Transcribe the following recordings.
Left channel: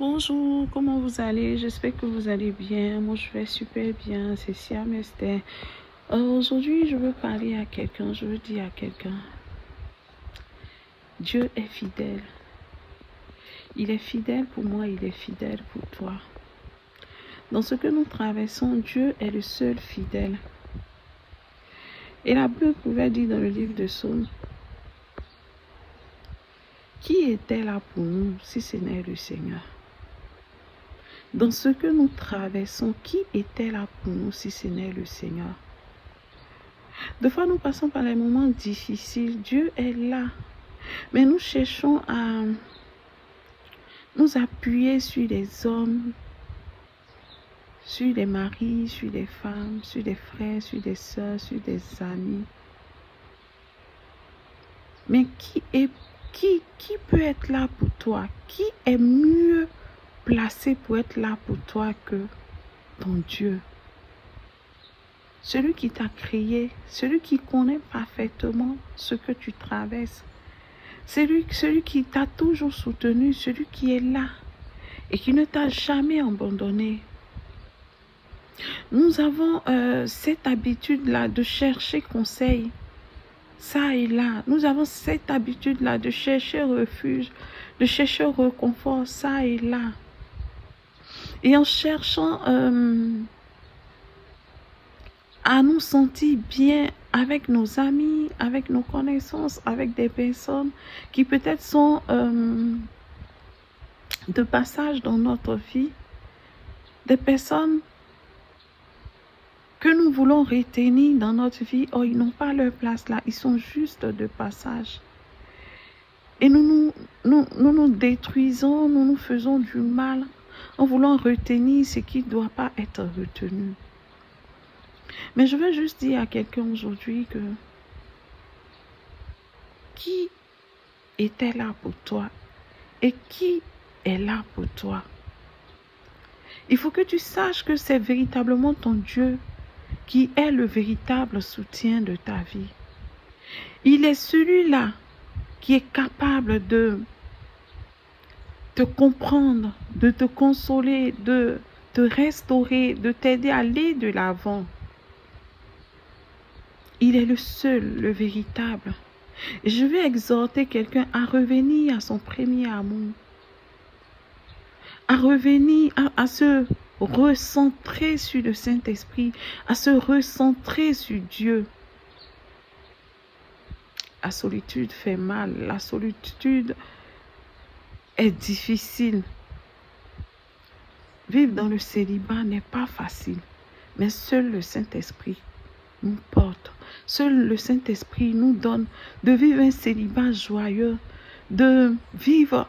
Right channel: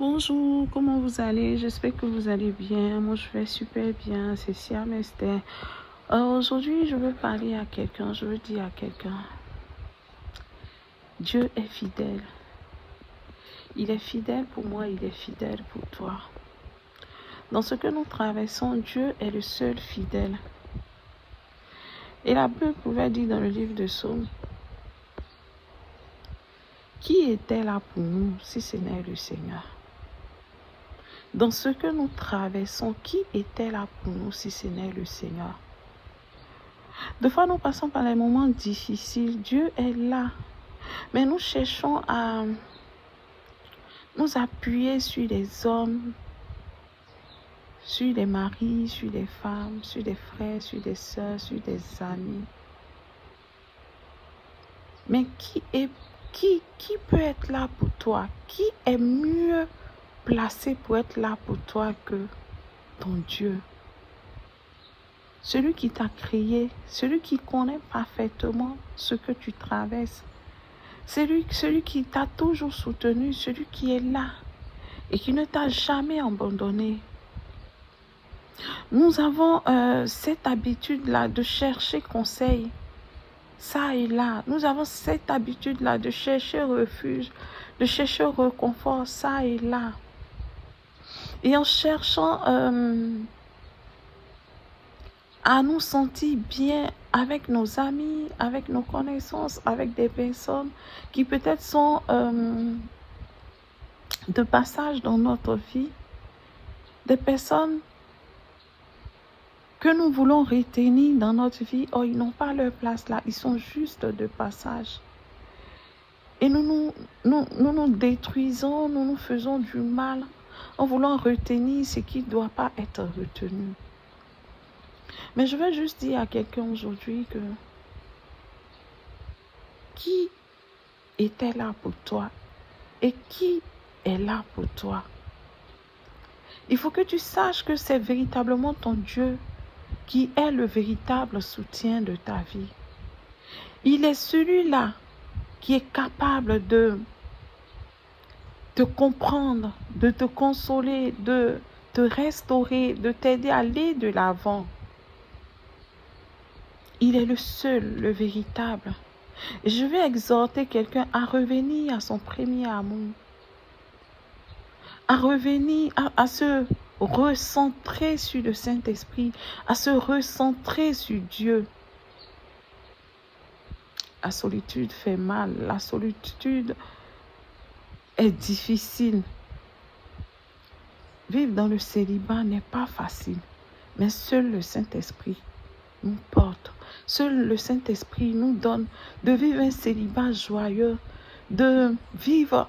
Bonjour, comment vous allez? J'espère que vous allez bien. Moi, je vais super bien. C'est Siam Esther. Aujourd'hui, je veux parler à quelqu'un. Je veux dire à quelqu'un, Dieu est fidèle. Il est fidèle pour moi, il est fidèle pour toi. Dans ce que nous traversons, Dieu est le seul fidèle. Et la Bible pouvait dire dans le livre de Psaumes, qui était là pour nous si ce n'est le Seigneur? Dans ce que nous traversons, qui était là pour nous si ce n'est le Seigneur? Des fois, nous passons par les moments difficiles. Dieu est là. Mais nous cherchons à nous appuyer sur les hommes, sur les maris, sur les femmes, sur les frères, sur des sœurs, sur des amis. Mais qui peut être là pour toi? Qui est mieux placé pour être là pour toi que ton Dieu? Celui qui t'a créé, celui qui connaît parfaitement ce que tu traverses, celui qui t'a toujours soutenu, celui qui est là et qui ne t'a jamais abandonné. Nous avons cette habitude-là de chercher conseil, ça et là. Nous avons cette habitude-là de chercher refuge, de chercher réconfort, ça et là. Et en cherchant à nous sentir bien avec nos amis, avec nos connaissances, avec des personnes qui peut-être sont de passage dans notre vie, des personnes que nous voulons retenir dans notre vie. Oh, ils n'ont pas leur place là, ils sont juste de passage. Et nous nous détruisons, nous nous faisons du mal en voulant retenir ce qui ne doit pas être retenu. Mais je veux juste dire à quelqu'un aujourd'hui que qui était là pour toi et qui est là pour toi? Il faut que tu saches que c'est véritablement ton Dieu qui est le véritable soutien de ta vie. Il est celui-là qui est capable de te comprendre, de te consoler, de te restaurer, de t'aider à aller de l'avant. Il est le seul, le véritable. Et je vais exhorter quelqu'un à revenir à son premier amour, à revenir, à se recentrer sur le Saint-Esprit, à se recentrer sur Dieu. La solitude fait mal, la solitude est difficile. Vivre dans le célibat n'est pas facile, mais seul le Saint-Esprit nous porte. Seul le Saint-Esprit nous donne de vivre un célibat joyeux, de vivre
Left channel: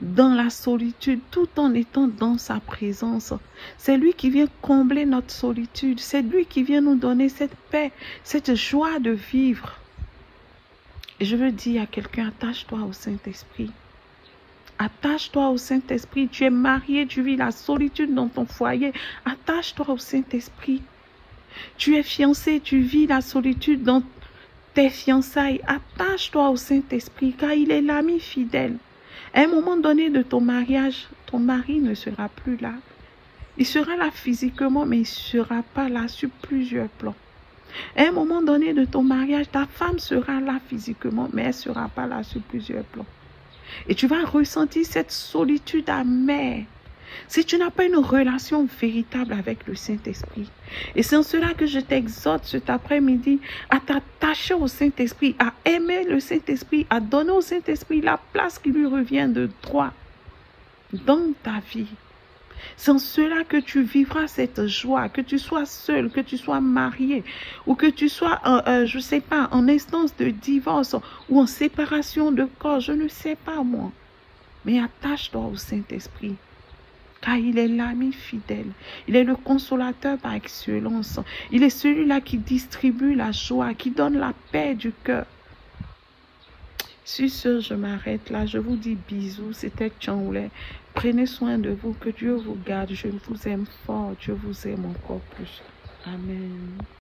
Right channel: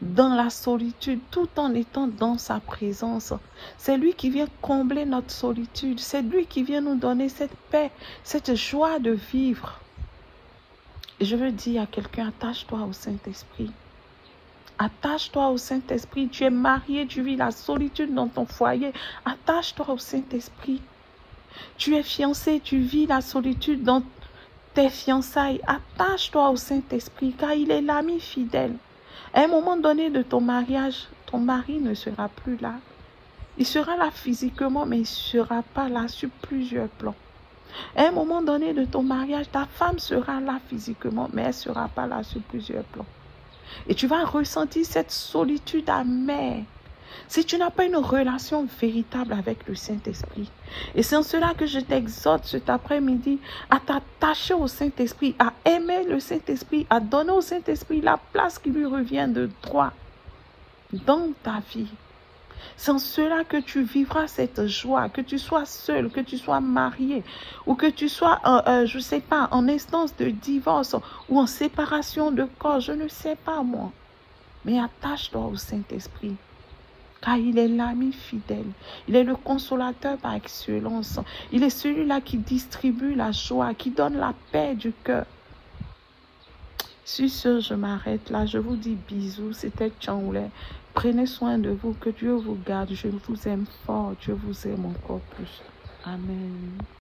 dans la solitude tout en étant dans sa présence. C'est lui qui vient combler notre solitude. C'est lui qui vient nous donner cette paix, cette joie de vivre. Et je veux dire à quelqu'un, attache-toi au Saint-Esprit. Attache-toi au Saint-Esprit. Tu es marié, tu vis la solitude dans ton foyer. Attache-toi au Saint-Esprit. Tu es fiancé, tu vis la solitude dans tes fiançailles. Attache-toi au Saint-Esprit, car il est l'ami fidèle. À un moment donné de ton mariage, ton mari ne sera plus là. Il sera là physiquement, mais il ne sera pas là sur plusieurs plans. À un moment donné de ton mariage, ta femme sera là physiquement, mais elle ne sera pas là sur plusieurs plans. Et tu vas ressentir cette solitude amère si tu n'as pas une relation véritable avec le Saint-Esprit. Et c'est en cela que je t'exhorte cet après-midi à t'attacher au Saint-Esprit, à aimer le Saint-Esprit, à donner au Saint-Esprit la place qui lui revient de droit dans ta vie. C'est en cela que tu vivras cette joie, que tu sois seul, que tu sois marié, ou que tu sois, je ne sais pas, en instance de divorce ou en séparation de corps, je ne sais pas moi. Mais attache-toi au Saint-Esprit, car il est l'ami fidèle. Il est le consolateur par excellence. Il est celui-là qui distribue la joie, qui donne la paix du cœur. Sur ce, je m'arrête là. Je vous dis bisous. C'était Tchangoulé. Prenez soin de vous. Que Dieu vous garde. Je vous aime fort. Dieu vous aime encore plus. Amen.